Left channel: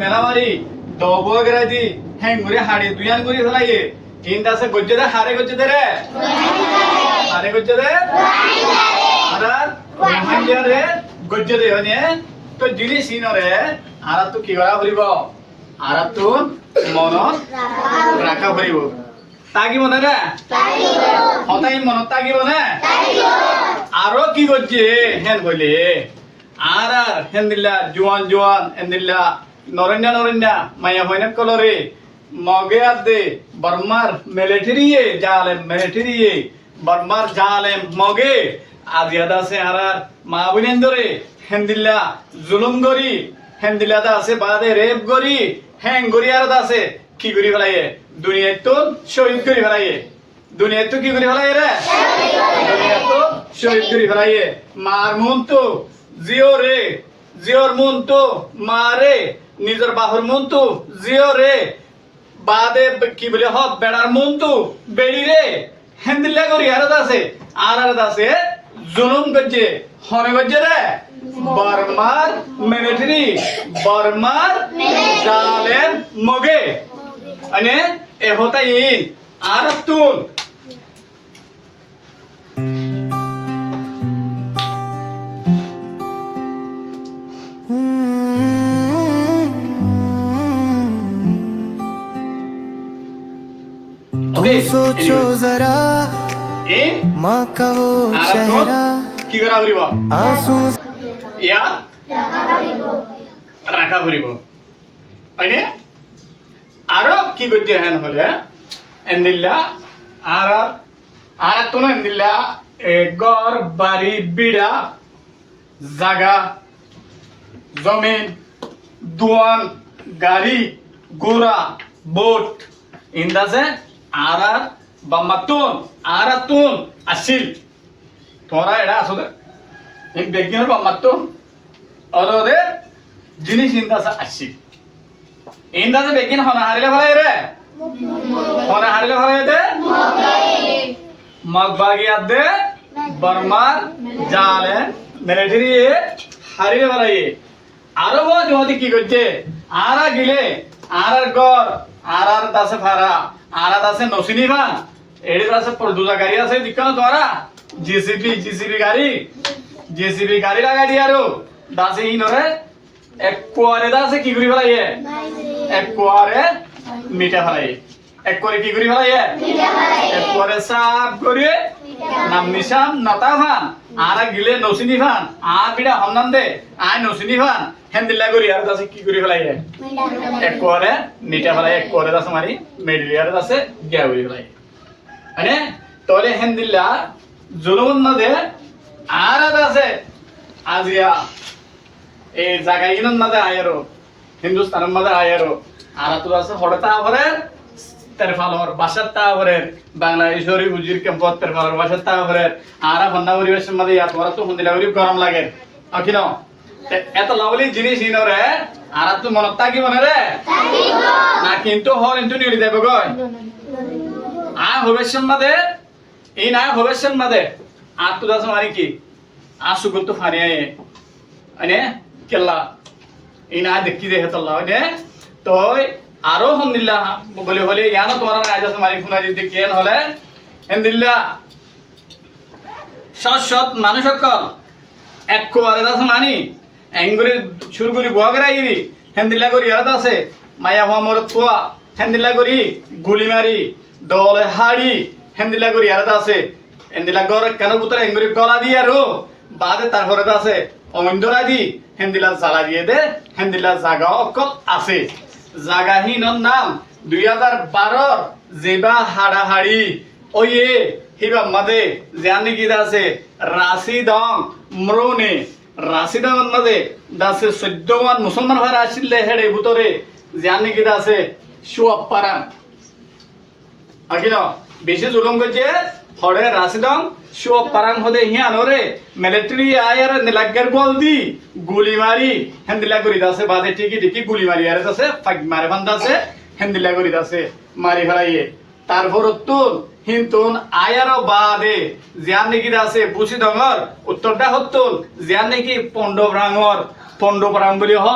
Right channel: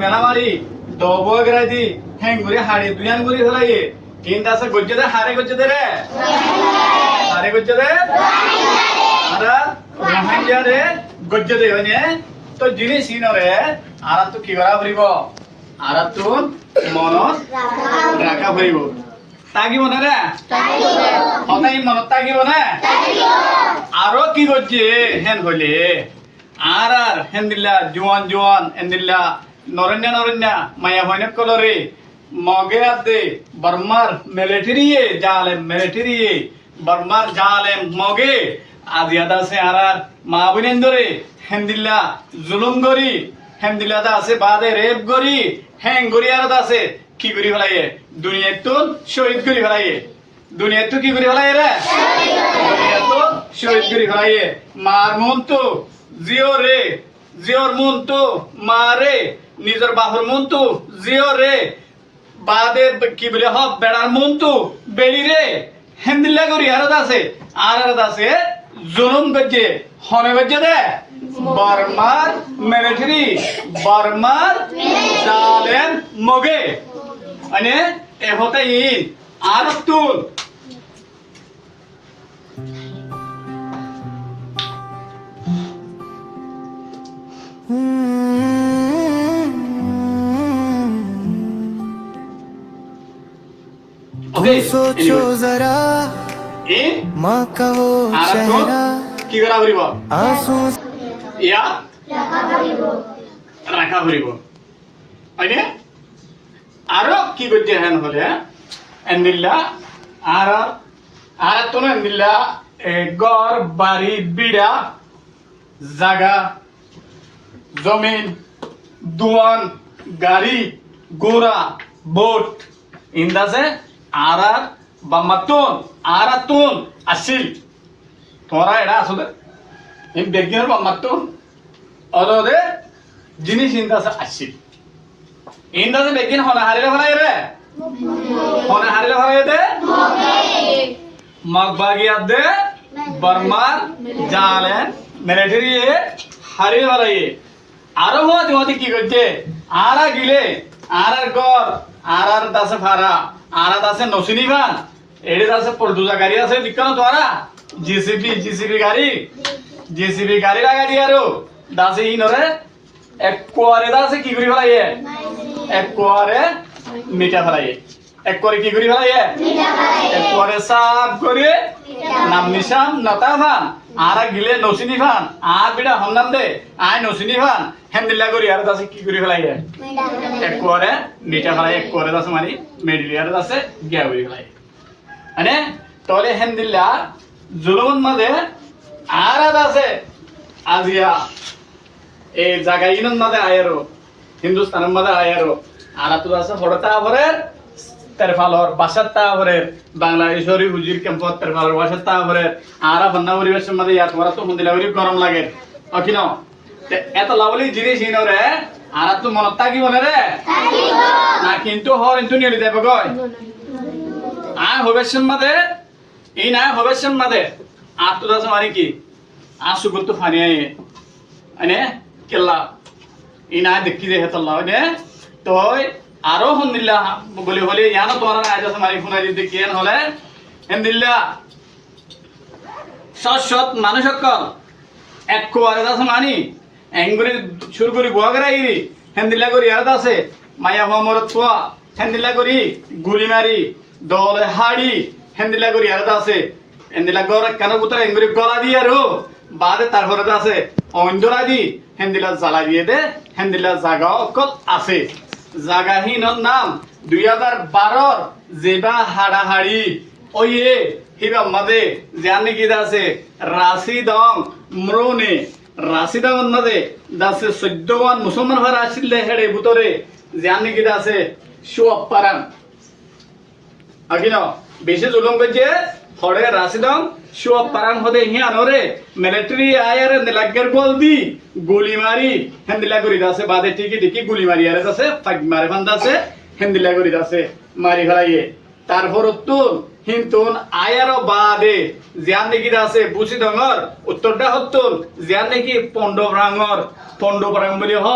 মেলামারি দবগরাজি হেঙ্গুরি হাড়ি দুয়ান গুরি ফলাইয়ে ইনদাসে গজ্জে হারে গজ্জে রে হারে গজ্জে রে আরা রোহাঞ্জা রে গজ্জে দে মানে তো জিনিস ইনরে আরা তো কি করা হইব আরা তো মনত রাখা হইব তাগি মনে রে হতাই মনত তাগিব না আরো কি গজ্জে হেন কইলে আর হেন দিল্লা জোয়ান জোয়ান হেন দিল্লা নরন্যা নরন্যা মায়া হইনা কলরে মগে আদে বর্মার মিলিটারিয়ে জালে মিলিটারিয়ে বর্মার জালে মগে আদিয়াদা সে আর মা বইনেন্দরে হেন্দিল্লা জুলুম গরি হেন্দিল্লা দা আছে বাদে রেপ গরি হ্যাং গরি আর আছে কি গরি ফলাইয়ে দুনিয়া তো শহীদ গরি ফলাইয়ে দুনিয়া তো কি গরি ফলাইয়ে রে দুনিয়া তো শহীদ গরি ফলাইয়ে মার মন তো জিও রে জিওর মন তো মারে নিজের বাহুর মন তো জিও রে বাদে কি বলে হব বেড়ার মন তো বেড়ি রে হেন্দিল্লা করি আর আছে জুলুম গজ্জে হনে গজ্জে রে বর্মার মিলিটারি বর্মার জালেম মগে মানে এ হতাই আর তুল सोचो जरा माँ का वो चेहरा কি করা করিব आंसू ইয়া রাখা করিব আইনে আরো কি করতে হেন হলে এন্দিল্লা আর আর তো না এন্দিল্লা ঘর বাড়ি বিড়া জায়গা জমিন দুয়ান গাড়ি গোরা বোট ইন্দাসে আর বামাতুন আর তুন আসিল তোরা এটা আসলে এই বেগিনের বামাতুন অদরে জিনিস ইন্দাসে আসিল ইন্দাসে বেগিন হনা হারিলে ভালাই রে হনা হারিলে ভালাই দে মগবাগি আদে বর্মার জালে মিলিটারি হারিলে ভালাই আরো মতে কি করছে আরা গিলে আর গর আর দাসে ফারা আর দাসে নসিনি ভান এডি দাসে পরদুজা গাড়ি আছে দিকানো তোরা জিসিবি গাড়ি লাগা দিয়ারো দাসে ইনরে এক কোয়ারে দাসে কি করি ফলাইয়ে এক কোয়ারে মিঠা ফলাইয়ে এক করে কি করি ফলাইয়ে এক কোয়ারে সাফ করে নাম নিশাম নাতা ভান আর গিলে নসিনি ভান আর বিড়া হন্নান দে আয় নসিনি ভান হেন্দিল্লা করি আর দাসে কি করি ফলাইয়ে এক কোয়ারে মিঠা ফলাই এক কোয়ারে দাসে মারি মেডিলিয়ার দাসে গিয়া করি ফলাই মানে তাহলে হেন্দিল্লা জুলুমন মাঝে আর আছে আজিয়া এই জায়গাগুলোর মাঝে আয়ারো হিন্দুস্তানের মাঝে আয়ারো আর তো আছে হরতা আবরের তেরফালর বাসার তাবরের বাংলাদেশের উজির ক্যাম্পত তেরফালর বাসার তাবরের আর বন্যা পরিবেশের মাঝে ইয়াত ওরা তো মন্দিরা করি গরম লাগে অখিল এত লাভলি জিনিস ইনরে আর তো মনত থাকি মনে রে না কিন্তু হর কিন্তু নিয়ে দেবে গয় ভবিষ্যৎ মাঝে এই না ভবিষ্যৎ মাঝে আর তো দাস মারি কি আর সুগল তো ফানি আনে কেল্লা এই না দেখি যে হেতল্লা মানে তো আরো হন্দিল্লা বলে বলে ইয়ানো তোমার আজ মারি ফোনা দিতে কেন হলে হেন্দিল্লা সৎ মানুষ সকল এক কোয়ারে দাস মানি এঙ্গুরি সুরগুরি গোয়াগরাইরি হেন্দিল্লা করি আর দাসে মায়া মরত কোয়া হেন্দিল্লা করি গুলি মারি দলে হাড়ি হেন্দিলা করি আর আছে হেন্দিলা গড় কেন পুত্র এঙ্গুরি গলা দিয়ে আর বাদে তারপরে আছে অন্দরা দি হেন্দিলা জ্বালা দিয়ে দে হেন্দিলা জাগা অকল আছে জাগাহীনৰ নাম 2012 যেবা হাড়াহাড়ি ওয়ে হিবা মাদে জানি কি আছে রাশিদং মরনে রাশিদং মাদে দাসে 14 মুসলমান হয়ে আসিলে হেড়ে ভিতরে জানি কি আছে সুঅপারাম আকিন বেশি জুলুম করছে হরে রাশিদং সুঅপারাম হদে হিয়ানরে মিলিটারি আয়ার নিলাগের বল দি গুলি মারি হেন্দিলা করি দাসে বাদে ঠিকই দেখি গুলি মারি আর দাসে ফাগ মারে বান্দাসে হেন্দিলা করি দাসে মারি ফেলাইয়ে তারপর তুল হিন্তুন আয়ার বাদে জিয়ান নাকি আছে বুসি ডঙর উত্তরটা হতুল জিয়ান নাকি পন্ডবরাঙর পন্ডবরাং বলি হ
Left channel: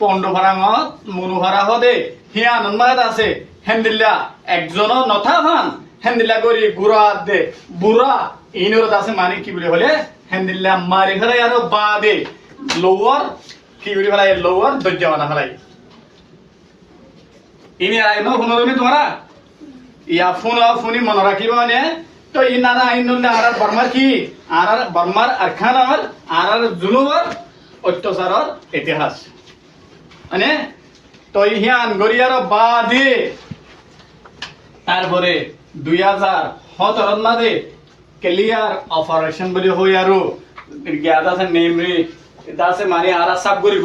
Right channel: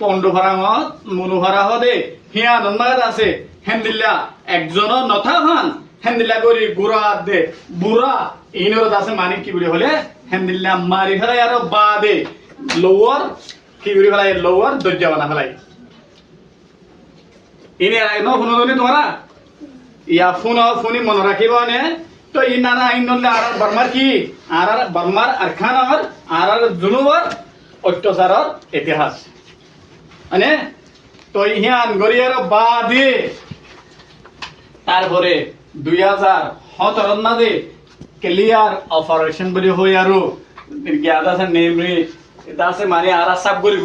পণ্ডভাৰাঙত মনোভাৰা হদে হিয়া নন্মাগাত আছে হেন্দিল্লা একজনৰ নথা ভান হেন্দিল্লা কৰি গুড়া দে বুঢ়া ইনৰত আছে মানে কি বুলি হলে হেন্দিল্লা মাৰি ফেলাই আৰু বা দে লোৱাৰ কি বুলি ফেলাই লোৱাৰ দৰ্জা বানা ফেলাই ইনে ন শুননি তোমারা ইয়া ফোনি মনে রাখিব নে তো ইনারা ইনলে আর বর্মার কি আর বর্মার আরখানার আর জুনুবর অত্যাচারর ইতিহাস মানে তো ইহান গরিয়ার বাদে তারপরে 2017 মাঝে ক্লিয়ার অপারেশন বলি হই আর জ্ঞাত আছে নেমরি এটা আছে মানে আর সাব গরি